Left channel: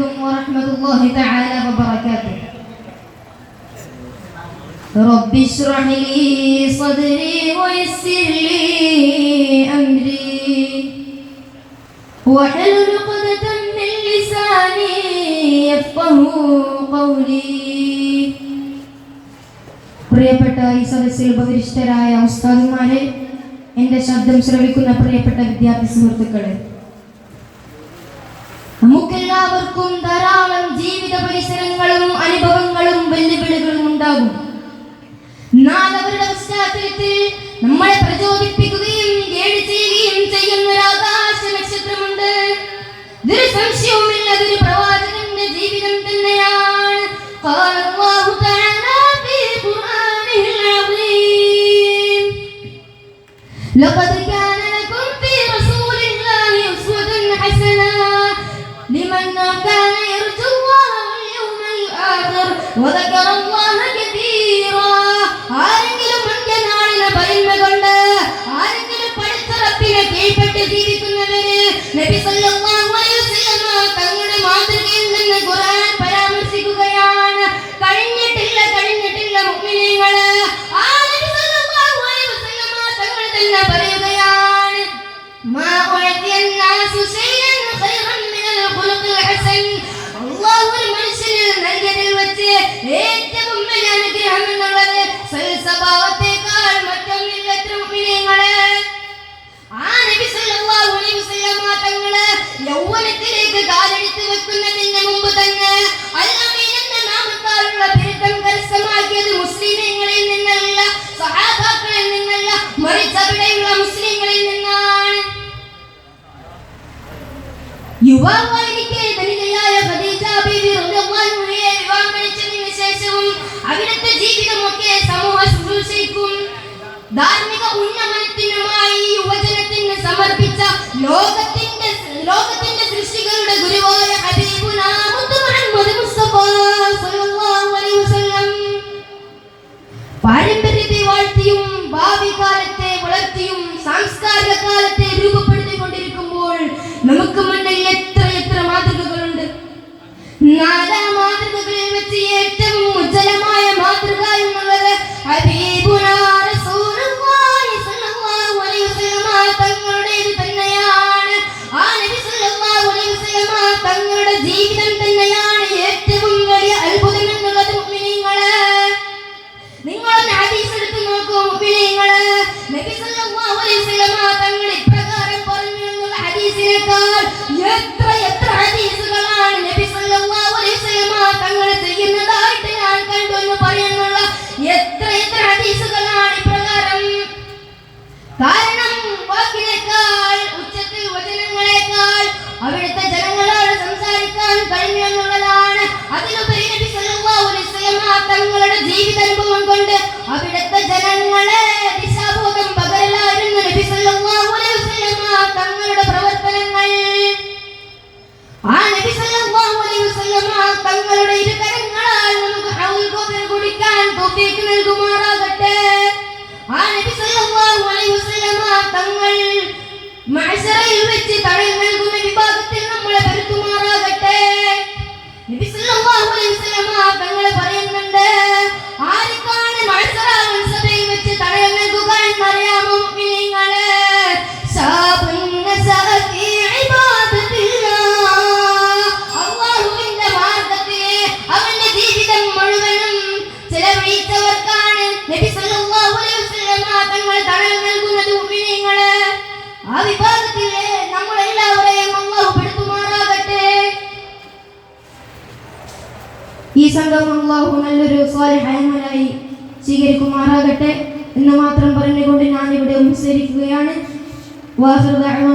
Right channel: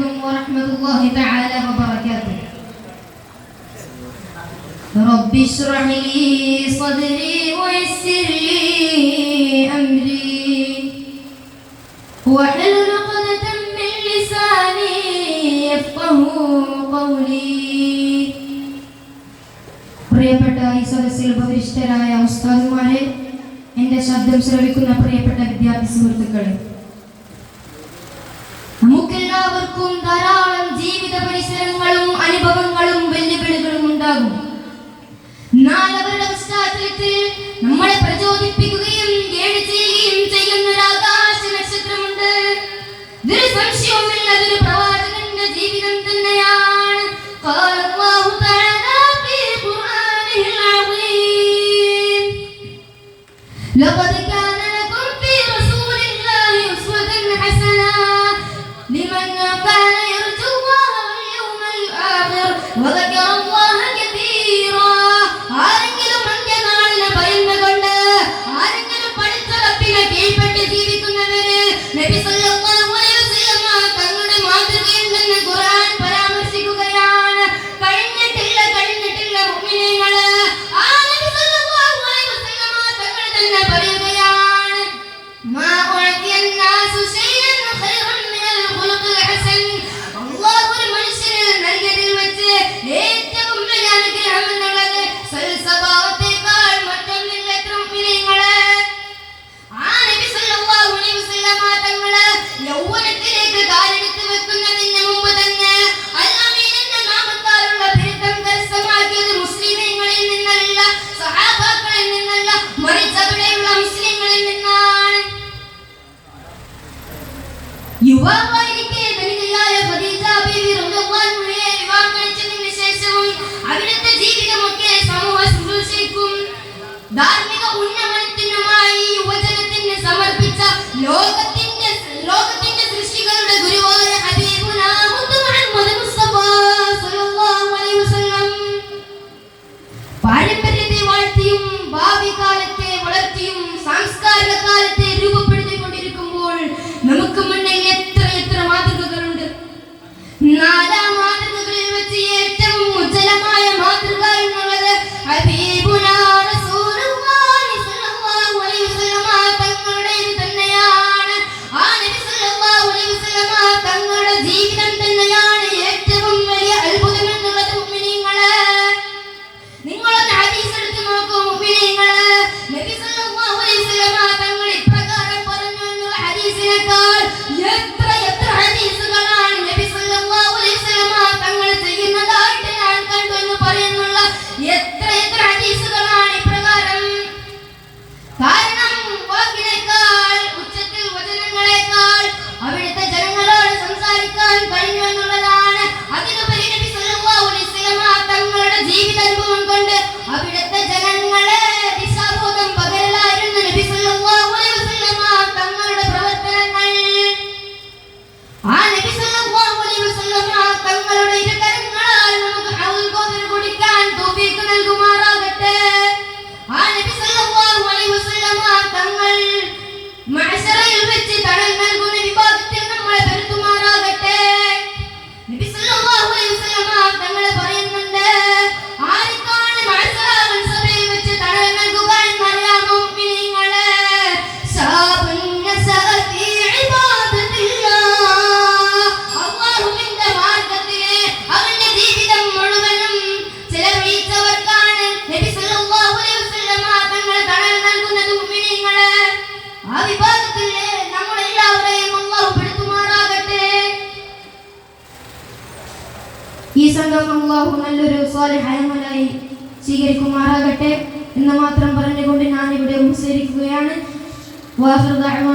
عليكم ورحمة الله تعالى وبركاته. رب اشرح لي صدري ويسر لي أمري واحلل عقدة من لساني يفقهوا قولي. പ്രിയപ്പെട്ട ഈ സദസ്സിൽ ഉപവിഷ്ടരായ ഉസ്താദുമാരെ, എൻ്റെ ശബ്ദം ശ്രവിക്കുന്ന പ്രിയപ്പെട്ട വിദ്യാർത്ഥി സുഹൃത്തുക്കളെ, നമുക്കെല്ലാവർക്കും ധാരാളം ജീവിത പരിസരങ്ങളും അനുഭവങ്ങളും വെല്ലുവിളികളും ഉണ്ടാകും. എന്നാൽ അവരുടെ പശ്ചാത്തലത്തിൽ നമ്മളെ പ്രചോദിപ്പിക്കുകയും ഗൈഡ് ചെയ്യുകയും ചെയ്യുന്ന ഒരു ആകാശ നക്ഷത്രമുണ്ട്. ഇതൊരു സംശയവുമില്ല, അതൊരു പ്രവാചകന്റെ ജീവിതം തന്നെയാണ്. لقد كان لكم في رسول الله أسوة حسنة لمن كان يرجو الله واليوم الآخر وذكر الله كثيرا. ആരെങ്കിലും അന്ത്യനാളിനെ ഭയന്നുകൊണ്ട്, ആരെങ്കിലും പഠിച്ച റബ്ബിനെ കീഴ്പ്പെട്ട് ജീവിക്കുന്നവര് നബി സല്ലല്ലാഹു അലൈഹി വസല്ലം തങ്ങളുടെ മാതൃകയിൽ നിന്ന് ഖുർആൻ പരാമർശിക്കുകയാണ്. കഴിഞ്ഞിട്ടില്ല മുഅ്മിനീങ്ങളെ, ആ നബി സല്ലല്ലാഹു അലൈഹി വസല്ലം തങ്ങൾ തന്നെ പറയുകയാണ്, മാ ഉഅതിയ الناس شيئا خيرا من الخلق الحسن. അല്ലാഹു ഒരു മനുഷ്യന് നൽകിയതിൽ വെച്ച് ഏറ്റവും വലിയ അനുഗ്രഹം എന്നുള്ളത് സൽസ്വഭാവത്തേക്കാൾ മറ്റൊന്നില്ല. മുഅ്മിനീങ്ങളെ, ആ നബി സല്ലല്ലാഹു അലൈഹി വസല്ലം തങ്ങളെ യൗവനത്തിലേക്ക് കാലെടുത്ത് വെക്കുന്നതിന് മുമ്പ് തന്നെ അൽ-അമീൻ എന്ന നാമത്താലുള്ള ബിരുദം കരസ്ഥമാക്കിയത് മുസ്ലിമീങ്ങളിൽ നിന്നല്ല, സഹാബാക്കളിൽ നിന്നല്ല, മറിച്ച് അവിടെയുള്ള മുസ്ലിങ്ങളിൽ നിന്നാണ്. യുവാവായിരിക്കെ ധനികയായ ഖദീജ ബീവി റളിയല്ലാഹു അൻഹയെ വിവാഹം കഴിച്ചതിന് ശേഷവും അവിടുത്തെ ജീവിതമൊക്കെ സമൂഹ ശുശ്രൂഷയ്ക്കും ധാർമ്മിക ഉന്നമനത്തിനുമായി യുവജനത്തിന് സമർപ്പിച്ച ലോകത്തിന്റെ സൃഷ്ടികളുടെ ഗുരുവായ ഹബീബുനാ മുഹമ്മദ് മുസ്തഫ സല്ലല്ലാഹു അലൈഹി വസല്ലം പാരമ്പര്യത്തെ വാഴ്ത്തിയും ഭാവി കാലത്തെ വളർത്തിയും സാംസ്കാരിക കാലത്തെ രൂപപ്പെടുത്തിക്കൊണ്ടിരിക്കുമ്പോൾ നമുക്ക് മുന്നിൽ എത്ര മാതൃകകളുണ്ട്. നാലാ മാതൃകകളിൽ വെച്ച് ഏറ്റവും ഉജ്ജ്വലമായ മാതൃക എന്നുള്ളത് ഹബീബുനാ റസൂലുള്ളാഹി സ്വല്ലല്ലാഹു അലൈഹി വസല്ലം തങ്ങളുടേത് തന്നെയാണ്. ആ നബി സ്വല്ലല്ലാഹു അലൈഹി വസല്ലം തങ്ങളുടെ ജീവിതം തന്നെയാണ് ഏറ്റവും വലിയ അത്ഭുതം എന്നുള്ളത്. മുഅ്മിനീങ്ങളെ, നിങ്ങളൊന്ന് ഹദീസ് എടുത്ത് നോക്കൂ. മുഅ്മിനീങ്ങളെ, നബി സല്ലല്ലാഹു അലൈഹി വസല്ലം തങ്ങൾ ഇപ്രകാരം പറഞ്ഞു എന്നുള്ള ഹദീസിനേക്കാൾ എത്ര ഹദീസുകളാണ് നബി സല്ലല്ലാഹു അലൈഹി വസല്ലം തങ്ങൾ ചെയ്യുന്നതായിട്ട് ഞാൻ കണ്ടു എന്ന് പറയുന്നുള്ള എത്ര ഹദീസുകളാണ് ഇപ്രകാരം. കാരണം വാക്കിനേക്കാൾ ഉച്ചത്തിൽ വചനങ്ങളെക്കാൾ അവിടുത്തെ ജനങ്ങളോട് സംസാരിക്കാൻ കഴിഞ്ഞു എന്നുള്ളതാണ്. അതിനുപരി നബി സല്ലല്ലാഹു അലൈഹി വസല്ലം തങ്ങളുടെ ജീവിതാനുഭവം കൊണ്ട് അവിടുത്തെ ജനങ്ങളെ ദിശാബോധം പകരലായിരുന്നു നബി സല്ലല്ലാഹു അലൈഹി വസല്ലം തങ്ങളുടെ പ്രവർത്തനങ്ങൾ. ആ നബി സല്ലല്ലാഹു അലൈഹി വസല്ലം തങ്ങളുടെ ഇരുകരങ്ങളാൽ നമുക്ക് ഹൗൽ ഗോദർ കുടിക്കാൻ തൗഫീഖ് നൽകുമാറാകട്ടെ. ആ നബി സല്ലല്ലാഹു അലൈഹി വസല്ലം തങ്ങൾ മഹ്ശറിൽ വെച്ച് തണൽ നൽകുന്ന വിഭാഗത്തിൽ നമ്മളെ പെടുത്തുമാറാകട്ടെ. നബി സല്ലല്ലാഹു അലൈഹി വസല്ലം തങ്ങൾ പറയുന്നുണ്ട്, ആർക്കാണ് മഹ്ശറ സഭയിൽ വെച്ച് തണൽ നൽകുക എന്നറിയാമോ മുഅ്മിനീങ്ങളെ? ശാബുൻ നസഅ ഫീ ഇബാദത്തില്ലാഹ്, അല്ലാഹുവിന്റെ മാർഗ്ഗത്തിൽ അവന്റെ ജീവിതം മുഴുവനും ചെലവഴിച്ചവർക്കാണ് നബി സല്ലല്ലാഹു അലൈഹി വസല്ലം തങ്ങൾ തണൽ നൽകുന്നത്. മുഅ്മിനീങ്ങളെ, ആ വിഭാഗത്തിൽ നമ്മളെല്ലാവരെയും അല്ലാഹു പെടുത്തുമാറാകട്ടെ. ഈ സംഘം അല്ലാഹു നല്ലൊരു സ്വാലിഹായ അമലായി സ്വീകരിക്കുമാറാകട്ടെ എന്ന് മാത്രം പറഞ്ഞുകൊണ്ട് ഞാൻ ഇവിടെ ഉപസരിക്കുകയാണ്. വാഹിറു ദഅ്വാ